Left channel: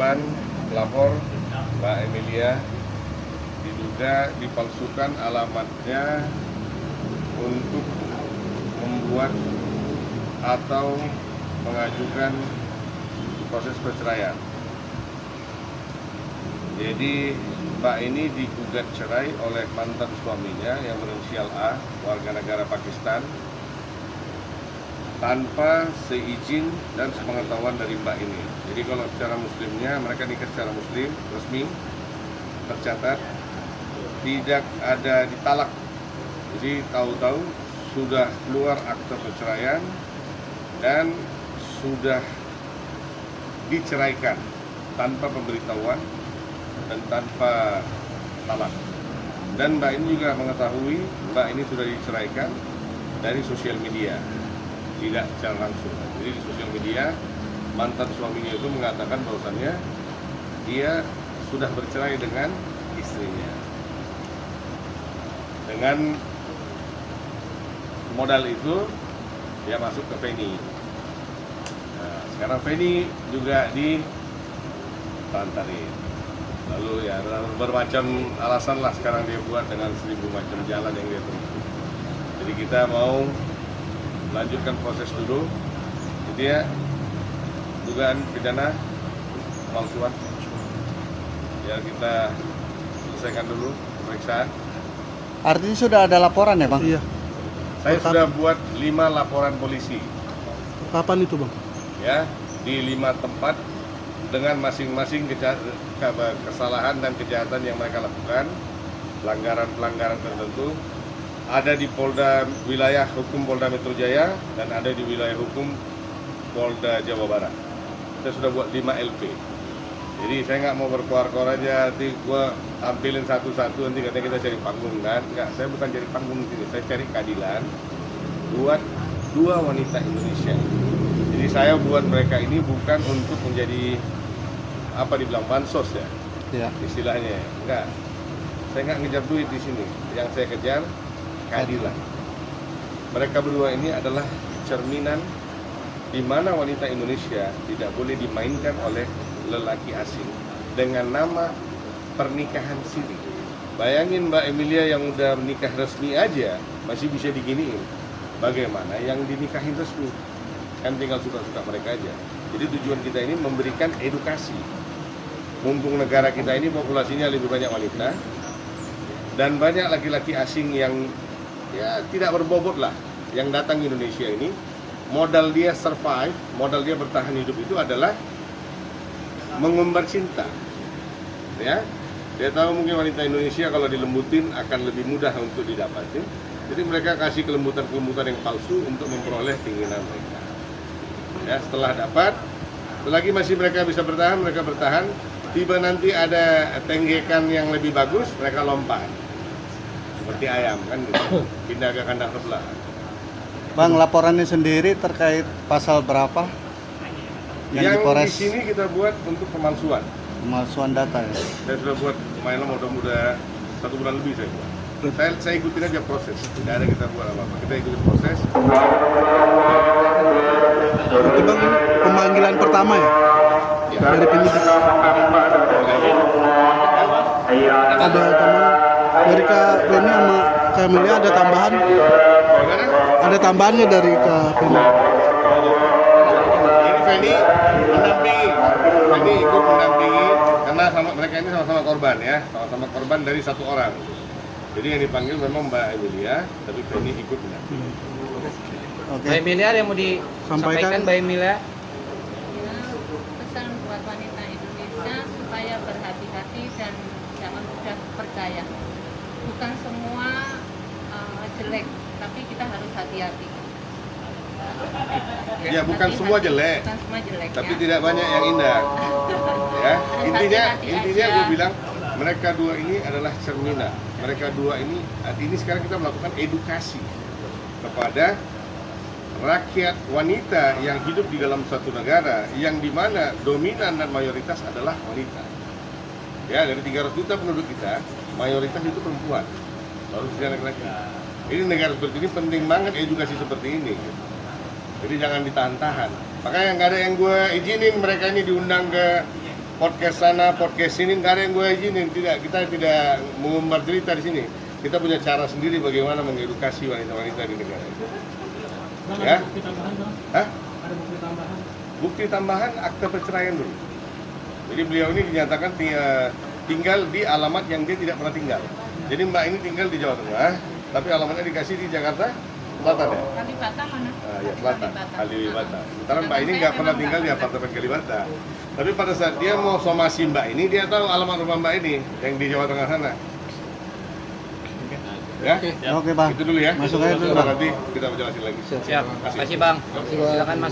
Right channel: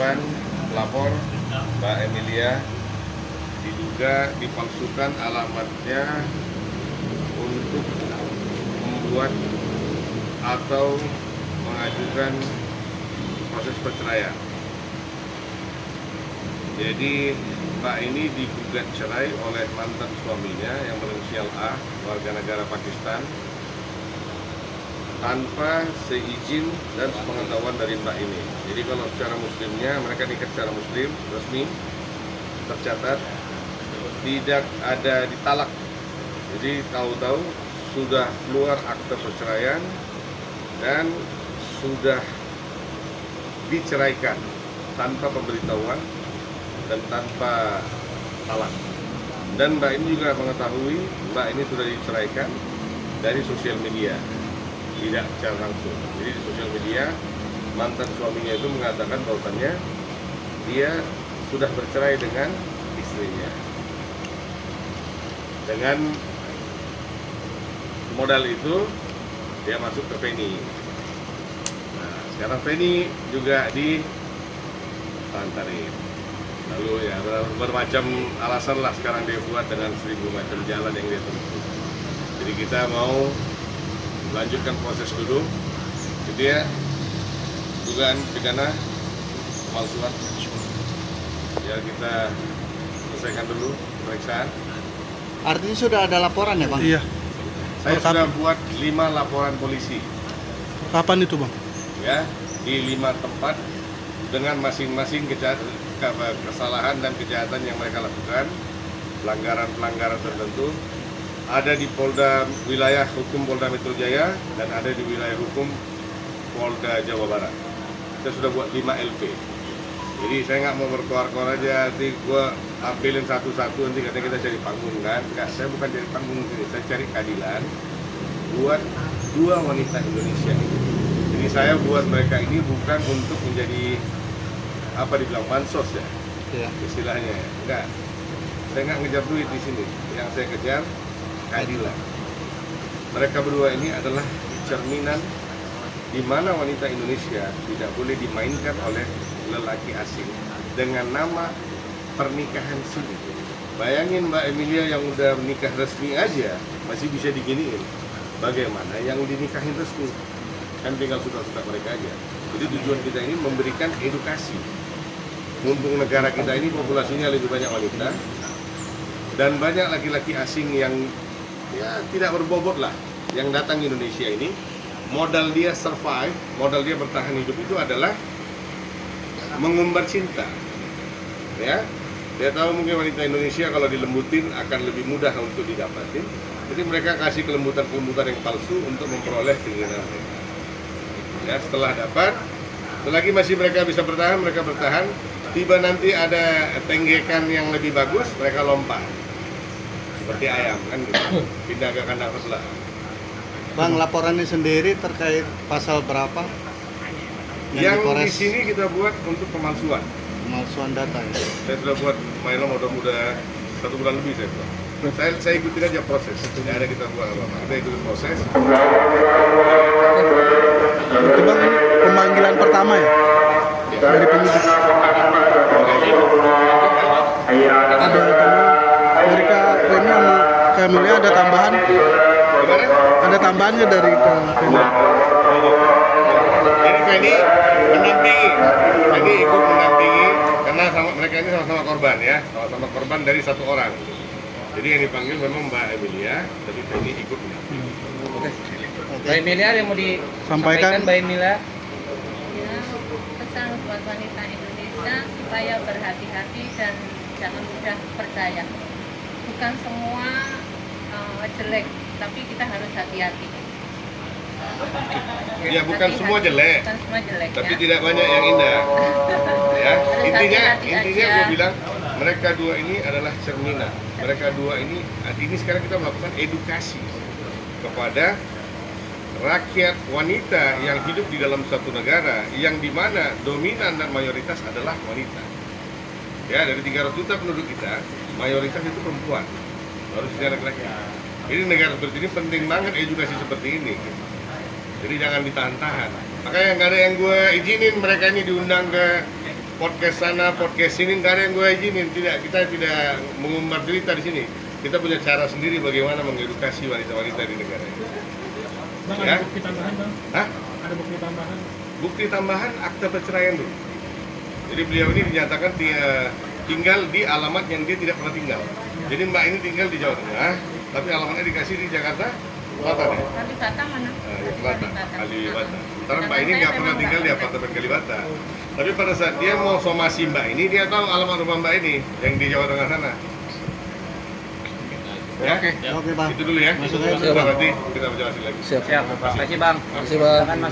korban pelapor Mbak Emilia diduga dipalsukan alamatnya untuk membuat atau mengajukan proses perceraian. Jadi Mbak ini digugat cerai oleh mantan suaminya yang berinisial A, warga negara Pakistan, tanpa seizin dan sepengetahuan dari Mbak ini. Jadi kalau secara muslimnya, mereka nikah secara muslim, resmi, tercatat, tidak ada ditalak. Jadi tahu-tahu sudah keluar akte perceraian dan sudah diceraikan tanpa pemberitahuan dan tanpa talak. Dan Mbak ini juga mengetahui Mbak ini sudah diceraikan dari sosial media, tidak secara langsung. Jadi di sosial media mantan suaminya itu mengatakan bahwasannya dia sudah bercerai dengan istrinya. Dengan modal itu dia masuk ke Feni. Nah, sekarang Feni juga ditantarin. Lalu ya bermacam alasan lah sekarang dia buat dengan 1000 macam jalan yang dia tempuh. Jadi kita mau lanjutkan proses dulu. Jadi ya dugaan pidana pemalsuan. Biar kita selesaikan dulu pemeriksaan. Artinya sudah ada laporan ya, Bang? Iya. Saya sudah buat 5 laporan polisi. Kapan itu, Bang? Ya, di 5 tempat dengan masing-masing kesalahan dan kejahatan yang mereka lakukan, pelanggaran-pelanggaran tertentu. Ada di Polda wilayah hukum Polda Metro Jaya dan ada di wilayah hukum Polda Jawa Barat. Kita sudah buat 5 LP. Jadi saya nggak mau berkoar-koar aja, nanti gue tampilin satu-satu, nanti katanya kita cari panggung kan? Nggak, saya bukan cari panggung sini, saya cari keadilan buat 2 wanita Indonesia ini. Jadi saya buat mereka ini bukan untuk menjadi apa dibilang bansos ya, istilahnya. Enggak, saya nggak ngejar duit di sini. Yang saya kejar keadilan. Mereka berdua ini adalah cerminan di mana wanita Indonesia tidak boleh dimainkan oleh lelaki asing dengan nama pernikahan siri. Bayangin Mbak Emilia yang udah menikah resmi aja masih bisa diginiin. Bagaimana yang dinikahin resmi? Kan tinggal suka-suka mereka aja. Jadi tujuan kita ini memberikan edukasi. Mumpung negara kita ini populasinya lebih banyak wanita dan banyak laki-laki asing yang ya tidak berbobot lah yang datang ke Indonesia ini, modal dia survive, modal dia bertahan hidup itu adalah mengumbar cinta. Ya, dia tahu mungkin wanita Indonesia kalau dilembutin akan lebih mudah untuk didapatin. Jadi mereka kasih kelembutan-kelembutan yang palsu untuk memperoleh keinginan mereka. Ya, setelah dapat, selagi masih mereka bisa bertahan, mereka bertahan. Tiba nanti ada tenggekan yang lebih bagus, mereka lompat. Seperti ayam kan gitu. Pindah ke kandang sebelah. Bang, laporannya sendiri terkait pasal berapa? Yang di sini kita buat untuk pemalsuan. Pemalsuan data ya? Saya sudah buat main udah 1 bulan lebih saya buat. Saya ikutin aja proses. Tidak ada kita buat apa-apa. Kita ikutin proses. Itu, Bang, ini pemanggilan pertama ya? Dari penyidik. Ada teman dari Kak Feni sama Kak Emilia ada tambahan? Gimana? Ada tambahan nggak dari Kak Feni? Jadi Feni mendampingi, Feni ikut mendampingi karena mereka ini sama-sama korban ya, sama-sama korban dari 1 orang. Jadi yang dipanggil memang Mbak Emilia, tapi Feni ikut mendampingi. Mbak Emilia ada yang mau disampaikan, Sampaikan. Mbak Emilia? Ya, pesan buat wanita Indonesia supaya berhati-hati dan jangan mudah percaya. Bukan semua jelek, tapi kita harus hati-hati. Ya bukan semua jelek, Bukan semua jelek tapi ya. tidak banyak yang indah. Ya, Harus intinya hati-hati aja. gue bilang mereka 2 ini adalah cerminan. Mereka 2 ini sekarang kita melakukan edukasi kepada rakyat wanita yang hidup di dalam suatu negara yang dimana dominan dan mayoritas adalah wanita. Ya, dari 300 juta penduduk kita, mayoritas itu perempuan, baru sisanya laki-laki. Jadi negara seperti ini penting banget edukasi seperti ini. Jadi jangan ditahan-tahan. Makanya nggak ada yang gue izinin mereka ini diundang ke podcast sana, podcast sini nggak ada yang gue izinin. Tidak, kita tidak mengumbar berita di sini. Kita punya cara sendiri bagaimana mengedukasi wanita-wanita di negara ini. Ya? Bukti tambahan, Bang? Hah? Ada bukti tambahan? Bukti tambahan akte perceraian dulu. Jadi beliau ini dinyatakan tinggal di alamat yang dia tidak pernah tinggal. Jadi Mbak ini tinggal di Jawa Tengah, tapi alamatnya dikasih di Jakarta Selatan ya? Kalibata mana? Kalibata. Kalibata. Sementara Mbak ini nggak pernah tinggal di apartemen Kalibata. Tapi pada saat dia mau somasi Mbak ini, dia tahu alamat rumah Mbak ini yang di Jawa Tengah sana. Ya? Oke, Bang. Itu dulu ya. Masuk aja. Nanti kita jelasin lagi. Siap. Terima kasih Bang. Terima kasih, Bang. Silakan Mas.